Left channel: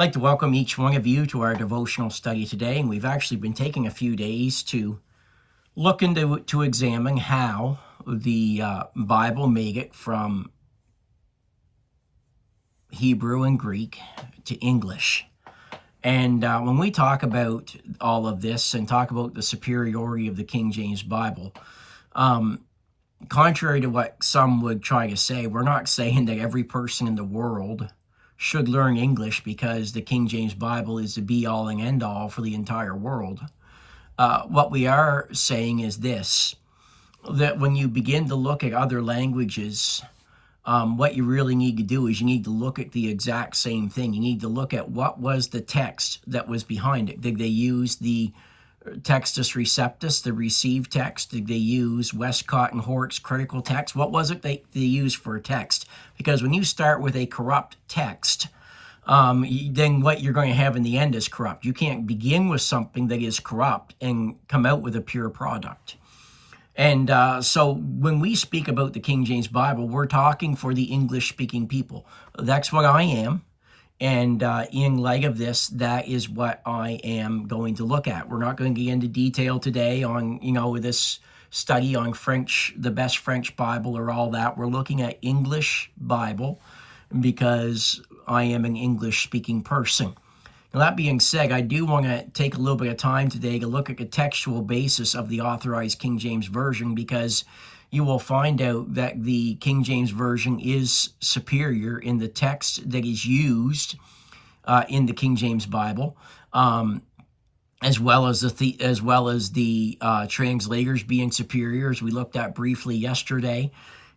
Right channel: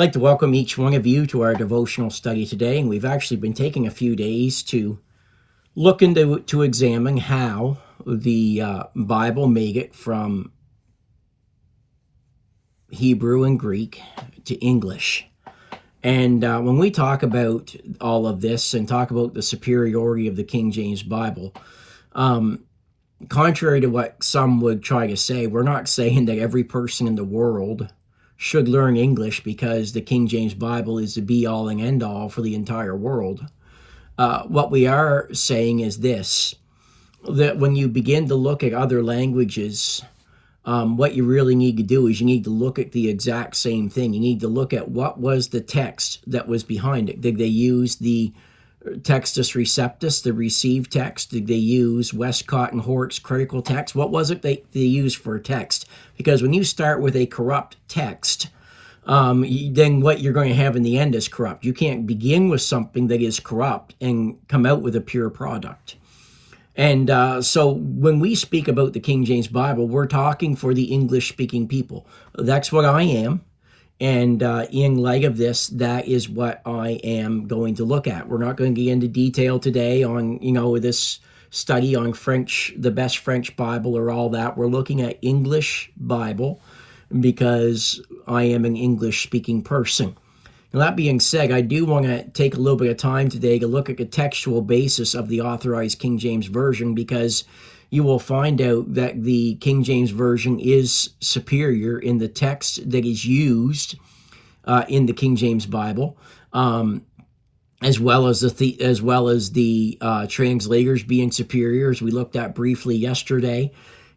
I'd like to welcome each one of you to our devotional study today, and we've actually been taking a few days to look into to examine how the Bible made it from Hebrew and Greek to English. And when we talk about all of this and talk about the superiority of the King James Bible, contrary to what some would try to say, we're not saying that every person in the world should learn English because the King James Bible is the be-all and end-all for the entire world. What we are saying is this, that when you begin to look at other languages, what you really need to do is you need to look at the exact same thing. You need to look at what was the text that was behind it. Did they use the Textus Receptus, the received text? Did they use Westcott and Hort's critical text? What was it they used for a text? Because when you start with a corrupt text, then what you're going to have in the end is corrupt. You can't begin with something that is corrupt and come out with a pure product. And so when we speak about the King James Bible, we're talking for the English-speaking people. That's what I am. And in light of this, that is what I am going to look at. We're not going to get into detail today on, this study on French, the best French Bible or all that. We're looking at English Bible because I am an English-speaking person. Now, that being said, I do want to take a little bit of time today to look at the textual basis of the Authorized King James Version, because you will find out that the King James Version is superior in the text that is used in the King James Bible, as well as the translators being superior, as we looked at briefly yesterday.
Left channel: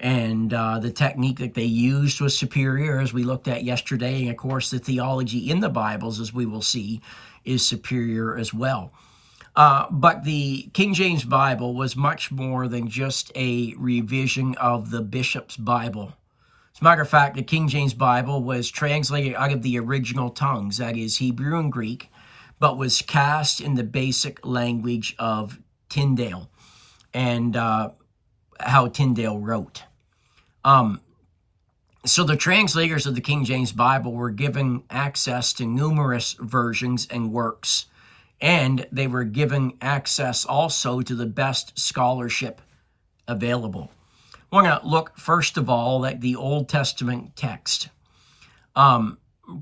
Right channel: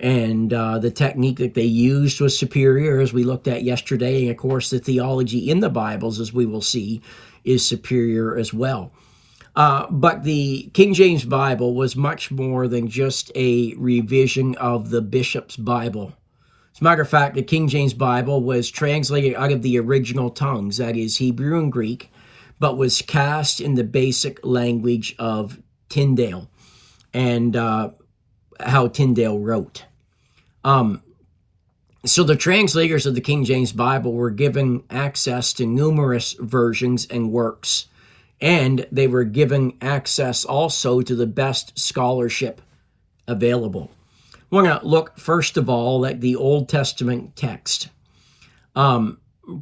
And the technique that they used was superior, as we looked at yesterday. And, of course, the theology in the Bibles, as we will see, is superior as well. But the King James Bible was much more than just a revision of the bishop's Bible. As a matter of fact, the King James Bible was translated out of the original tongues, that is Hebrew and Greek, but was cast in the basic language of Tyndale and how Tyndale wrote. So the translators of the King James Bible were given access to numerous versions and works, and they were given access also to the best scholarship available. We're going to look first of all at the Old Testament text.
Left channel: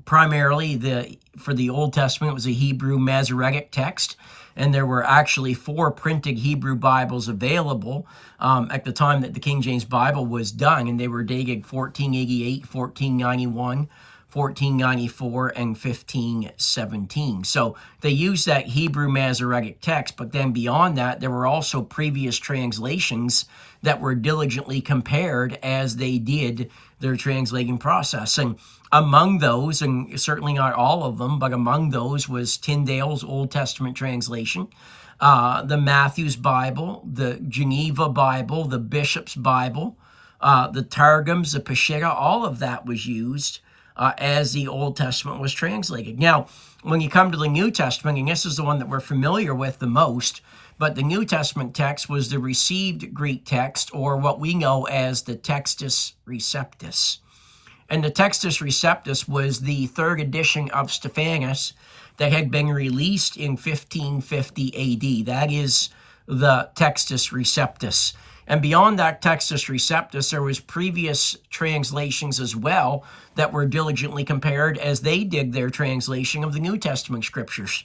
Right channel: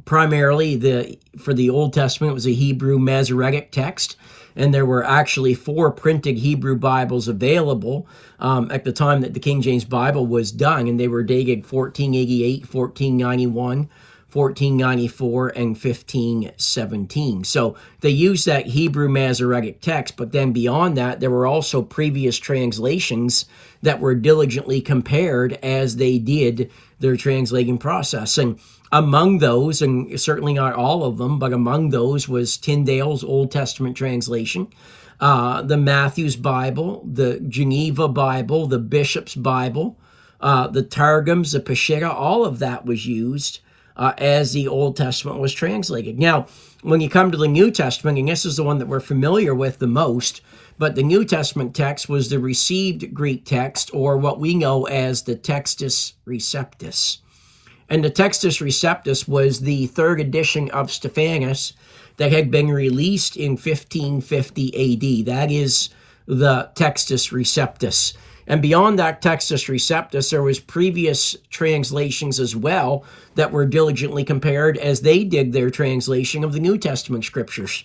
Primarily, for the Old Testament, it was a Hebrew Masoretic text, and there were actually 4 printed Hebrew Bibles available at the time that the King James Bible was done, and they were dated 1488, 1491, 1494, and 1517. So they used that Hebrew Masoretic text, but then beyond that, there were also previous translations that were diligently compared as they did their translating process. And among those, and certainly not all of them, but among those was Tyndale's Old Testament translation, the Matthew's Bible, the Geneva Bible, the Bishop's Bible, the Targums, the Peshitta. All of that was used as the Old Testament was translated. Now, when you come to the New Testament, and this is the one that we're familiar with the most, but the New Testament text was the received Greek text, or what we know as the Textus Receptus. And the Textus Receptus was the 3rd edition of Stephanus that had been released in 1550 AD. That is the Textus Receptus. And beyond that Textus Receptus, there was previous translations as well that were diligently compared as they did their translation of the New Testament scriptures.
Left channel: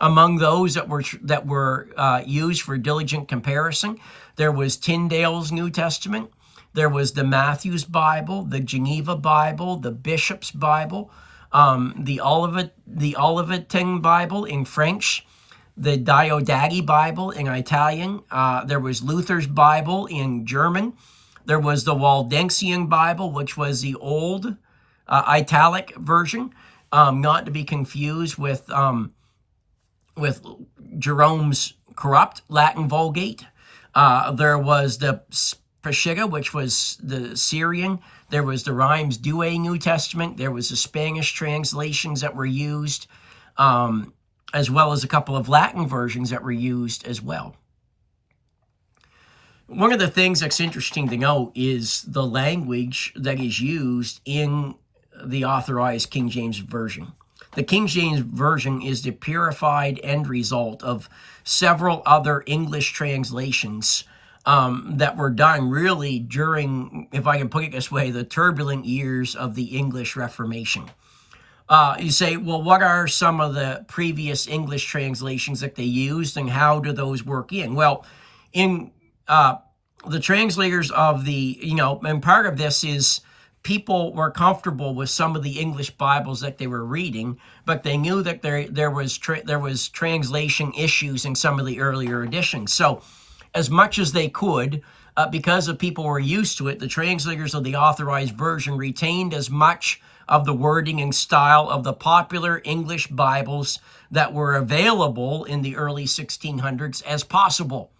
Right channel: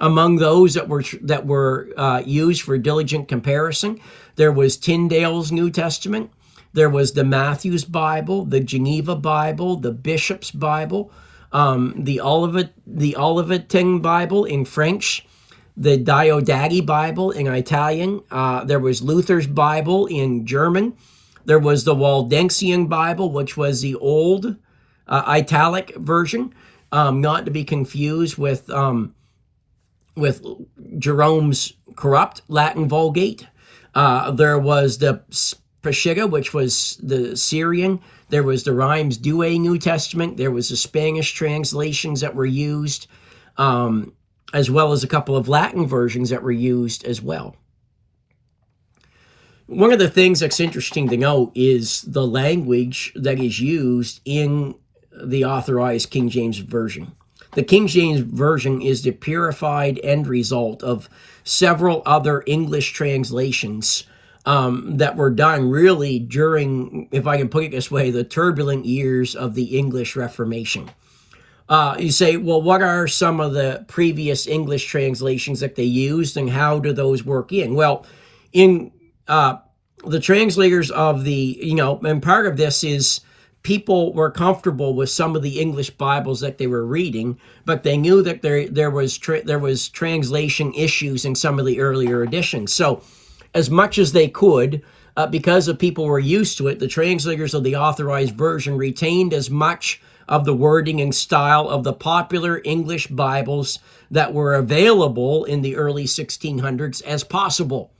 Among those that were used for diligent comparison, there was Tyndale's New Testament. There was the Matthew's Bible, the Geneva Bible, the Bishop's Bible, the Oliveting Bible in French, the Diodati Bible in Italian. There was Luther's Bible in German. There was the Waldensian Bible, which was the old italic version, not to be confused with Jerome's corrupt Latin Vulgate. There was the Peshitta, which was the Syrian. There was the Reims Douay New Testament. There was the Spanish translations that were used, as well as a couple of Latin versions that were used as well. One of the things that's interesting to note is the language that is used in the Authorized King James Version. The King James Version is the purified end result of several other English translations that were done really during, if I can put it this way, the turbulent years of the English Reformation. You say, well, what are some of the previous English translations that they used, and how do those work in? Well, in the translators of and part of this is people were comfortable with some of the English Bibles that they were reading, but they knew that there was translation issues in some of the earlier editions. So, as much as they could, because the people were used to it, the translators of the Authorized Version retained as much of the wording and style of the popular English Bibles that were available in the early 1600s as possible.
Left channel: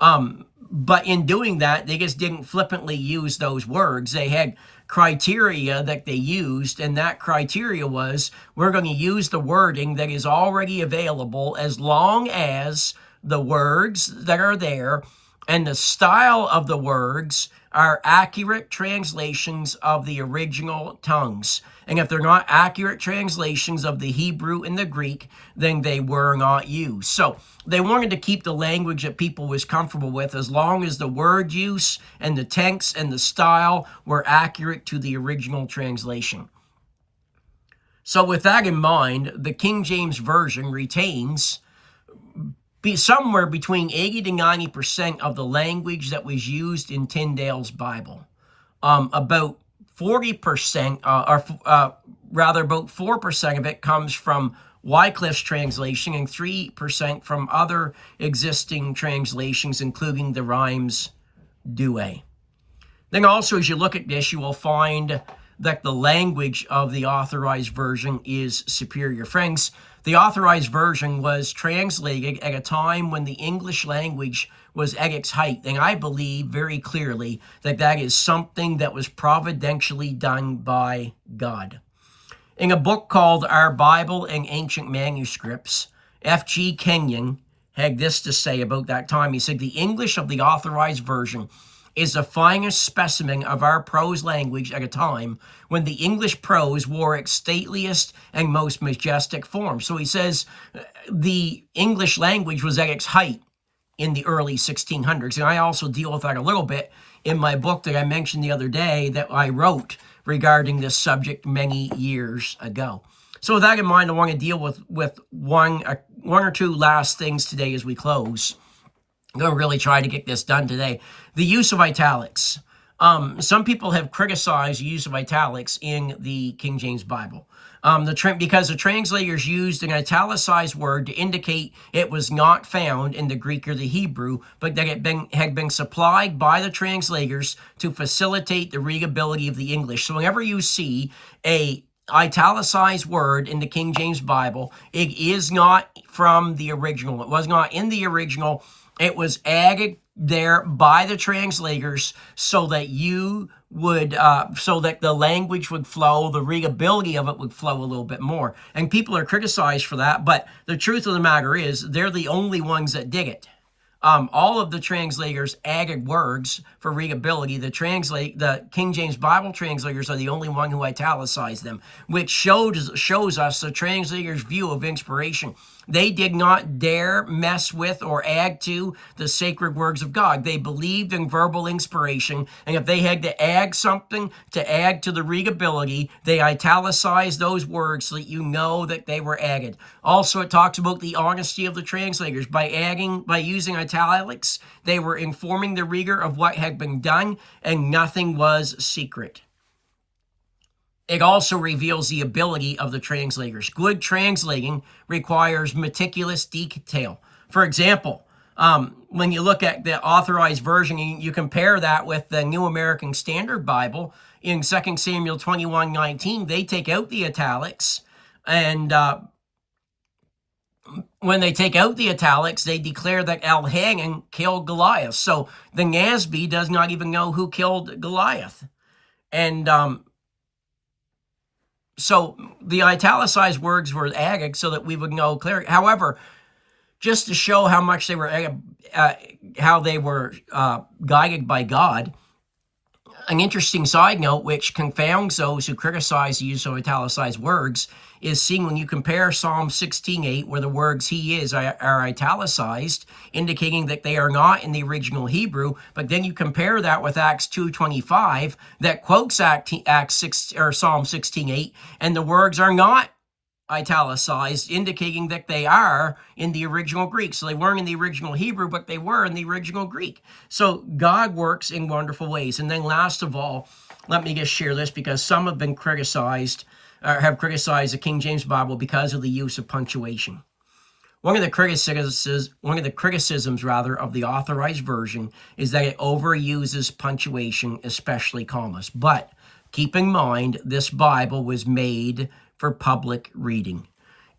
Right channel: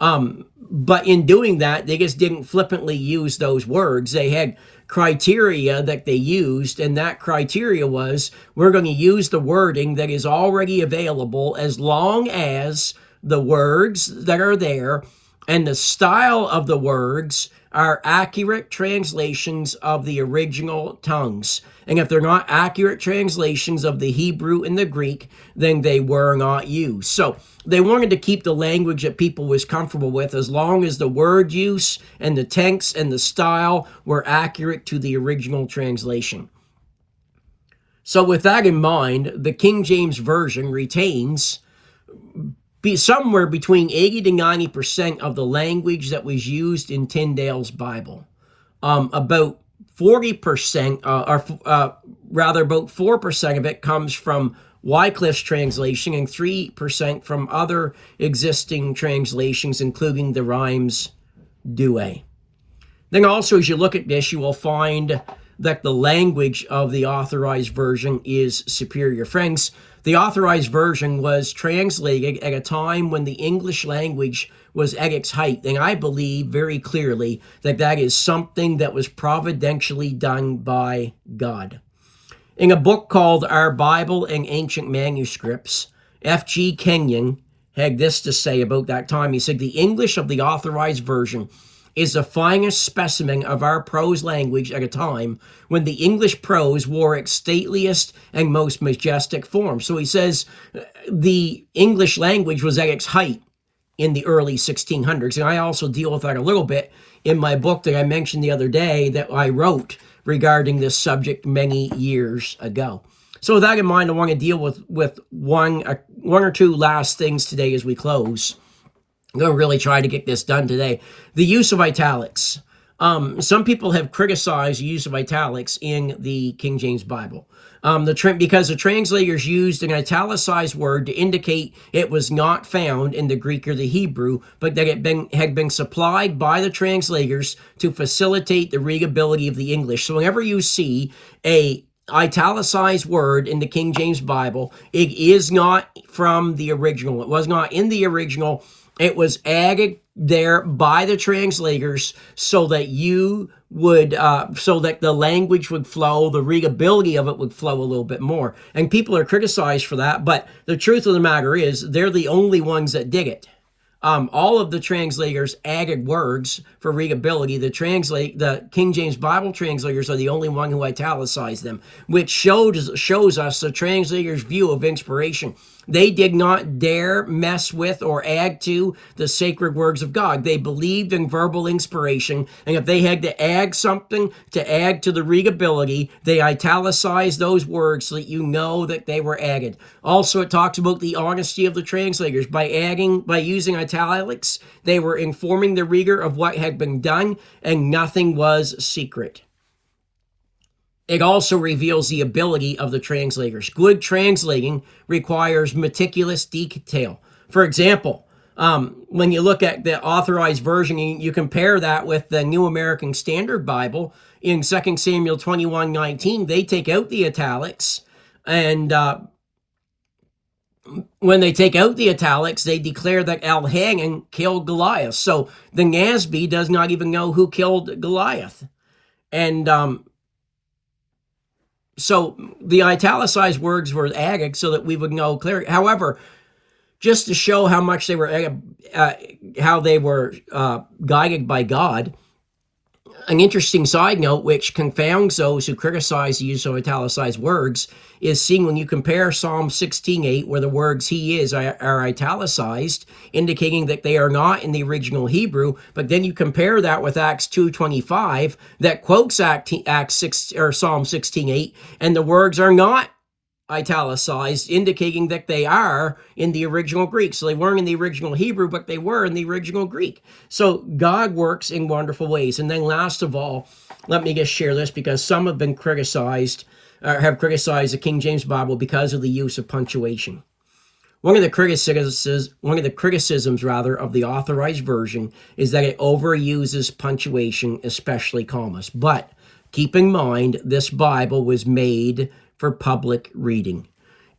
But in doing that, they just didn't flippantly use those words. They had criteria that they used, and that criteria was, we're going to use the wording that is already available as long as the words that are there and the style of the words are accurate translations of the original tongues. And if they're not accurate translations of the Hebrew and the Greek, then they were not used. So they wanted to keep the language that people was comfortable with as long as the word use and the tense and the style were accurate to the original translation. So with that in mind, the King James Version retains somewhere between 80 to 90% of the language that was used in Tyndale's Bible. About 40%, about 4% of it comes from Wycliffe's translation and 3% from other existing translations, including the Rhymes Douay. Then also, as you look at this, you will find that the language of the Authorized Version is superior. Friends, the Authorized Version was translated at a time when the English language was at its height, and I believe very clearly that that is something that was providentially done by God. In a book called Our Bible and Ancient Manuscripts, F.G. Kenyon had this to say about that time. He said, "The English of the Authorized Version is the finest specimen of our prose language at a time when the English prose wore its stateliest and most majestic form." So he says the English language was at its height in the early 1600s. And I also deal with that a little bit in my book that I mentioned the other day that I wrote regarding this subject many years ago. So with that in mind, I want to deal with one or two last things today as we close. I'm going to really try to get this done today. The use of italics. Some people have criticized the use of italics in the King James Bible because the translators used an italicized word to indicate it was not found in the Greek or the Hebrew, but that it had been supplied by the translators to facilitate the readability of the English. So whenever you see a italicized word in the King James Bible, it is not from the original. It was not in the original. It was added there by the translators so that so that the language would flow, the readability of it would flow a little bit more. And people are criticized for that, but the truth of the matter is they're the only ones that did it. All of the translators added words for readability. The King James Bible translators are the only one who italicized them, which shows us the translators' view of inspiration. They did not dare mess with or add to the sacred words of God. They believed in verbal inspiration, and if they had to add something to add to the readability, they italicized those words so that you know that they were added. Also, it talks about the honesty of the translators. By using italics, they were informing the reader of what had been done, and nothing was secret. It also reveals the ability of the translators. Good translating requires meticulous detail. For example, when you look at the Authorized Version, you compare that with the New American Standard Bible. In 2 Samuel 21:19, they take out the italics, and when they take out the italics, they declare that Elhanan killed Goliath. So the NASB does not even know who killed Goliath. And so the italicized words were added so that we would know clearly. However, just to show how much they were, guided by God, An interesting side note, which confounds those who criticize the use of italicized words, is seeing when you compare Psalm 16:8, where the words he is are italicized, indicating that they are not in the original Hebrew, but then you compare that with Acts 2:25, that quotes Psalm 16:8, and the words are not italicized, indicating that they are in the original Greek. So they weren't in the original Hebrew, but they were in the original Greek. So God works in wonderful ways. And then last of all, let me just share this, because some have been criticized, or have criticized the King James Bible because of the use of punctuation. One of the criticisms of the Authorized Version is that it overuses punctuation, especially commas. But keep in mind, this Bible was made for public reading,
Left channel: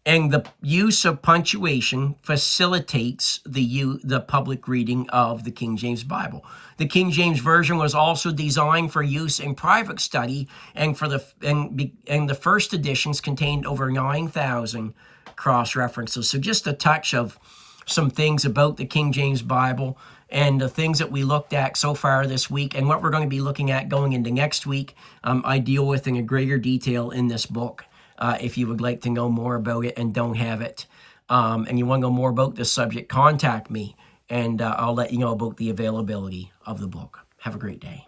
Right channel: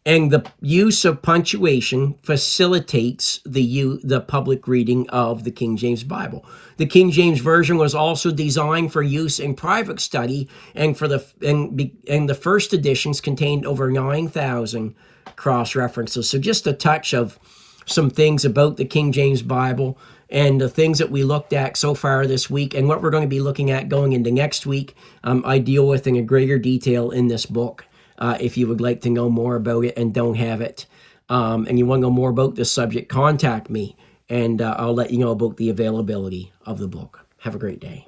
and the use of punctuation facilitates the public reading of the King James Bible. The King James Version was also designed for use in private study, and the first editions contained over 9,000 cross references. So just a touch of some things about the King James Bible and the things that we looked at so far this week, and what we're going to be looking at going into next week. I deal with in a greater detail in this book. If you would like to know more about it and don't have it, and you want to know more about this subject, contact me, and I'll let you know about the availability of the book. Have a great day.